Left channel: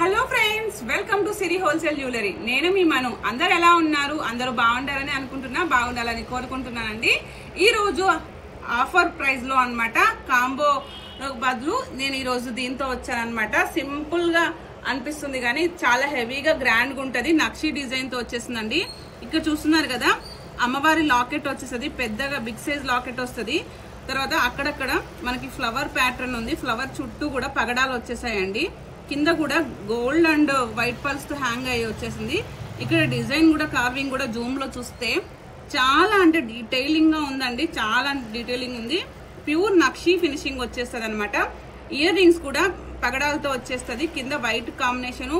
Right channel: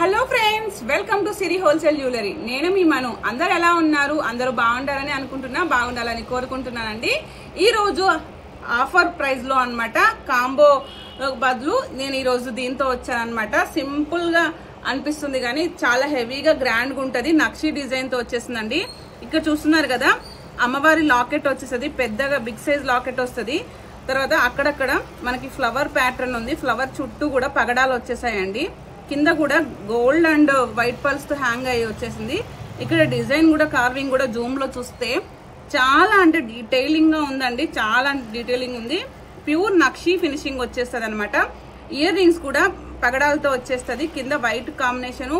Hello friends, welcome to Siri wholesale jewellery. నేను మీ మను. అందరు ఎలా ఉన్నారు? అందరూ బాగుండాలని అనుకుంటున్నా, బాగుండాలని కోరుకుంటున్నానండి. ఈ రోజు ఆఫర్ ప్రైస్ లో అన్నమాట, కాంబో బదులు నేను ఈ రోజు దీంతో వచ్చానన్నమాట. సింపుల్ గా అనిపిస్తుంది కానీ చాలా హెవీగా గ్రాండ్ గా ఉంటది. నక్షి డిజైన్ తో వచ్చేసిందండి. ఇక్కడ చూస్తున్నారు కదా, అమ్మవారి లాకెట్ వచ్చేసది, పెద్దగా బిగ్ సైజ్ లాకెట్ వస్తుంది. తర్వాత అక్కడక్కడ మనకి ఫ్లవర్ ప్యాటర్న్ ఉంది. ఫ్లవర్ చుట్టూ కూడా పగడాలు వచ్చేసాయండి. కింద కూడా గోల్డ్ అండ్ వైట్ పర్ల్స్ తో హ్యాంగ్ అయ్యి వచ్చేసింది. ఇక్కడ డిజైన్ కూడా, కార్వింగ్ కూడా జూమ్ లో చూస్తే చాలా అంటే డీటెయిలింగ్ గా ఉందండి. చాలా డీటెయిలింగ్ ఉంది. ప్యూర్ నక్షి ఫినిషింగ్ వచ్చేస్తుంది అనమాట. ఇయర్ రింగ్స్ కూడా పగడాలతో వచ్చేస్తుంది. కింద వైట్ కాంబినేషన్.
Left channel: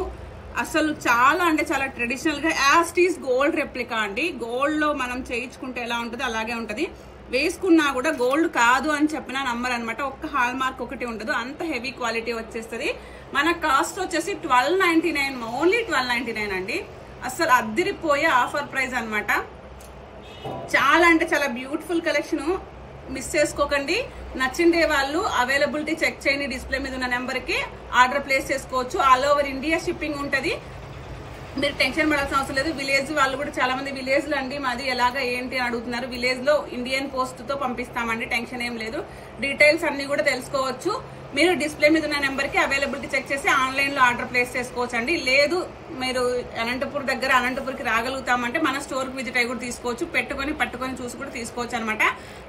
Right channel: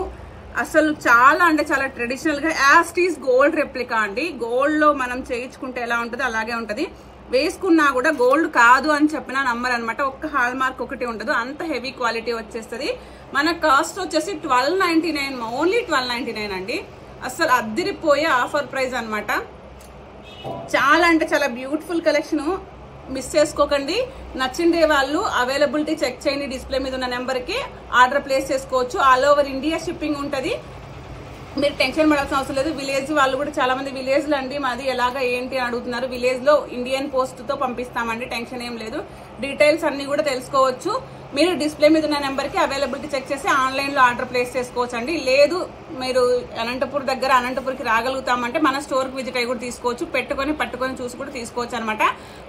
అసలు చాలా అంటే చాలా ట్రెడిషనల్ గా యాస్టీస్ గోల్డ్ రెప్లికా అండి. గోల్డ్ లో మనం చేయించుకుంటే ఎలా ఉంటుందో అలాగే ఉంటది. వేసుకున్నా కూడా గోల్డ్ కాదు అని చెప్పినా నమ్మరు అనమాట. ఒక్క హాల్ మార్క్ ఒకటి ఉండదు, అంత హెవీ క్వాలిటీ వచ్చేస్తుంది. మన కాస్ట్ వచ్చేసి 1299, ఓన్లీ 1299 అండి. అసలు అద్దిరిపోయే ఆఫర్ ప్రైస్ అనమాట. చాలా అంటే చాలా బ్యూటిఫుల్ కలెక్షన్. మిస్ చేసుకోకండి. నచ్చిండే వాళ్ళు అవైలబిలిటీ చెక్ చేయండి. డిస్ప్లే మీద ఉన్న నెంబర్ కి ఆర్డర్ ప్లేస్ చేసుకోవచ్చు. ఆల్ ఓవర్ ఇండియా షిప్పింగ్ ఉంటది. మీరు టెన్షన్ పడాల్సిన అవసరం లేదు. విలేజ్ వాళ్ళు కూడా చాలా మంది విలేజ్ లో అండి మాది ఎలాగా ఏంటి అడుగుతున్నారు. విలేజ్ లో ఇండియన్ పోస్ట్ తో పంపిస్తామండి, టెన్షన్ ఏం లేదు. డీటెయిల్స్ అన్ని కూడా తెలుసుకోవచ్చు. మీరు డిస్ప్లే మీద ఉన్న నెంబర్ కి అవైలబిలిటీ చెక్ చేసి ఆన్లైన్ లో ఆర్డర్ ప్లేస్ చేసుకోవచ్చు అండి. లేదు మీరు అనంతపూర్ దగ్గర అనంతపూర్కి రాగలుగుతామంటే మన స్టోర్ కి విజిట్ అయ్యి కూడా తీసుకోవచ్చు. పట్టుకొని చూసి కూడా తీసుకోవచ్చు అనమాట.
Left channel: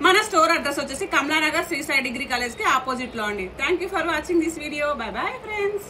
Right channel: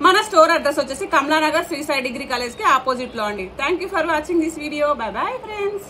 మన స్టోర్ అడ్రస్ వచ్చేసి కమలానగర్ శ్రీ సాయి డిగ్రీ కాలేజ్ కి ఆపోజిట్ లో అండి. Thank you for watching this video. By bye friends.